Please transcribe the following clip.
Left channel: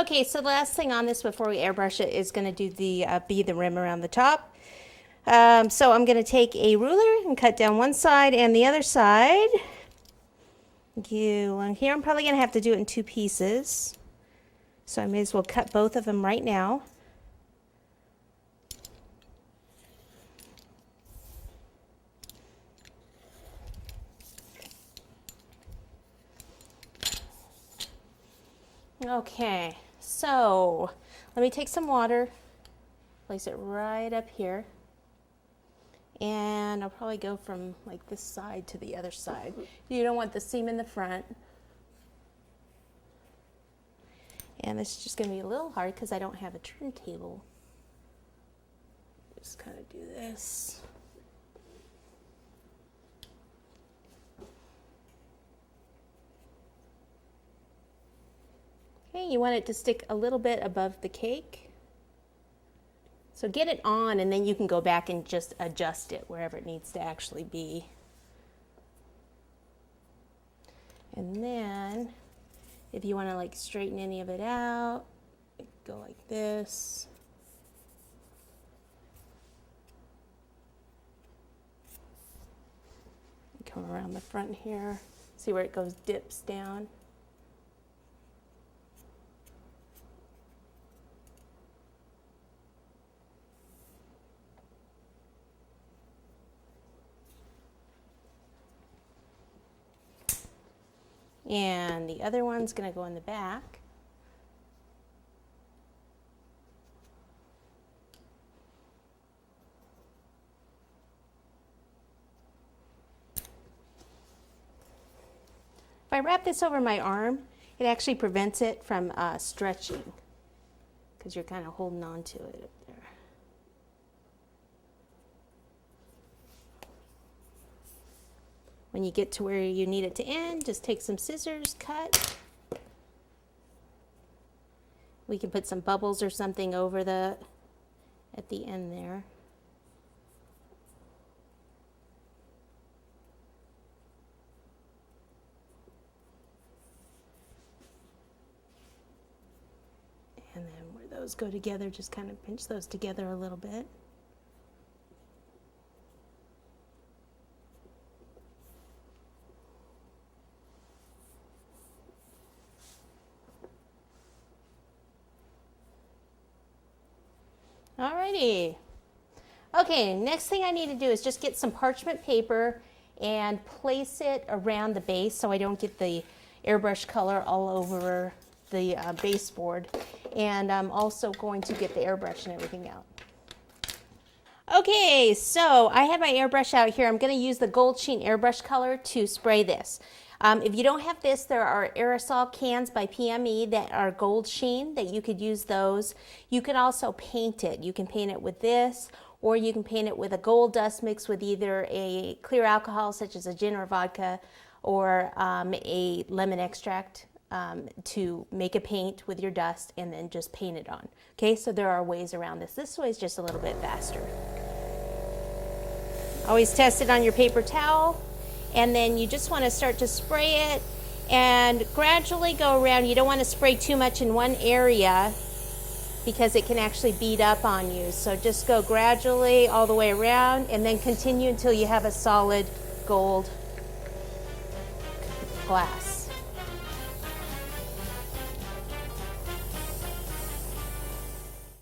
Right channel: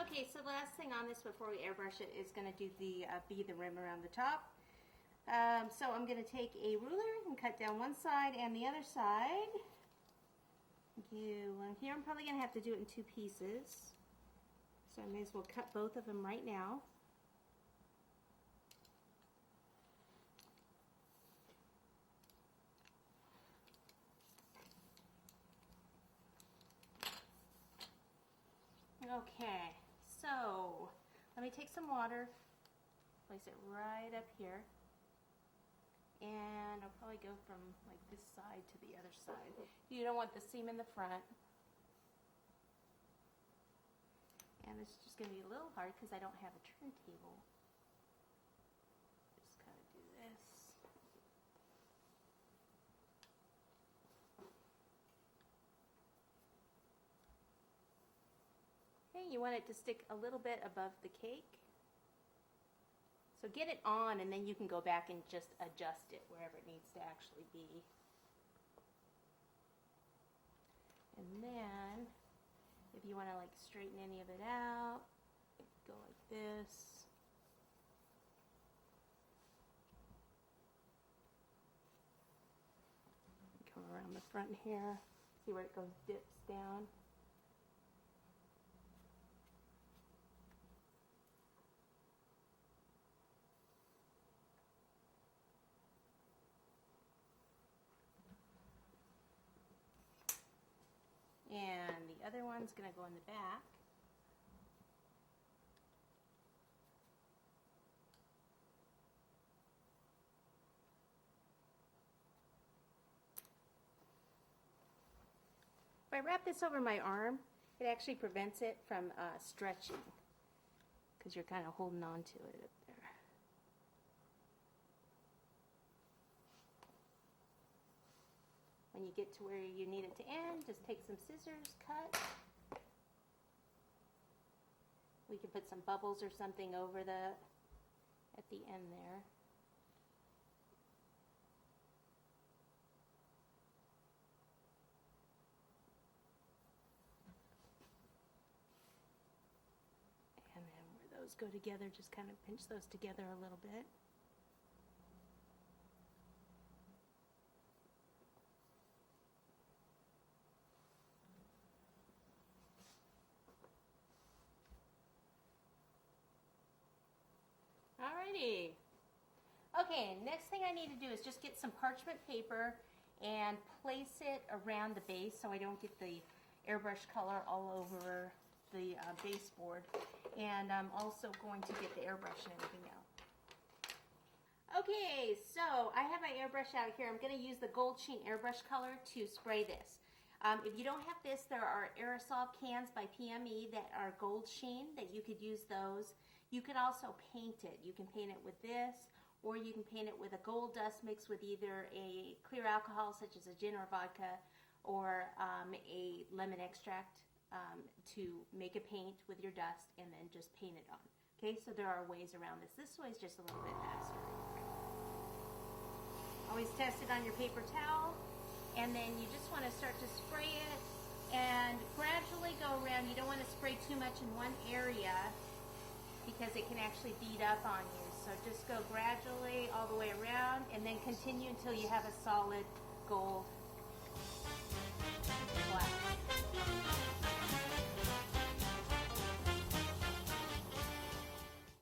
Okay, so the last thing on this before we airbrush it is going to do the be the rim around the top. So I'm going to take a ruler and cut down one side and the other side. Here I'm probably going to have to do it in two pieces. So I may as well cut both of them right now. Okay, so let me take some water, place it right up here, and I'll probably go from like this side to the other side. You don't want the seam in the front. And this is just going to be a little hard because I don't have a turntable. Just kind of do this. Okay, you want it to stick a little bit above the cake. So get it on and then you can go back and just adjust it wherever it needs to actually be. And then if you want to like straighten any of it out, go like this. Come around the front here. See where it goes, dips down. And the other one's going to go in the back. If I wrap this over my arm, it actually prevents it from stretching because you're kind of holding on to it up there. When you get to where you need it to end, just take some scissors, cut. We can put some bubbles or something over at the end there. And then where those go together, just kind of pinch those together a little bit. Alrighty. Okay, next thing I need to do is just get some parchment paper and place it around the base so I don't get the airbrush color all over the baseboard. And I'm also going to get the airbrush and everything out. Okay, so I have my airbrush out here. I'm going to use the Gold Sheen airbrush color to spray this. If you don't have this, there are aerosol cans by PME that are Gold Sheen that you could use those. You can also paint it. You can paint it with this, or you can paint it with a gold dust mixed with either a clear alcohol such as a gin or vodka, or a lemon extract to make a paint with your dust and then just paint it on. Okay, so there are ways around this. This way is just a little bit faster. Always test it on your paper towel. And then you just want to start to spray it and gradually go around. You don't want to spray too much in one area because it can actually bead up on you. So just go gradually all the way around and then continue until you have a solid gold glass.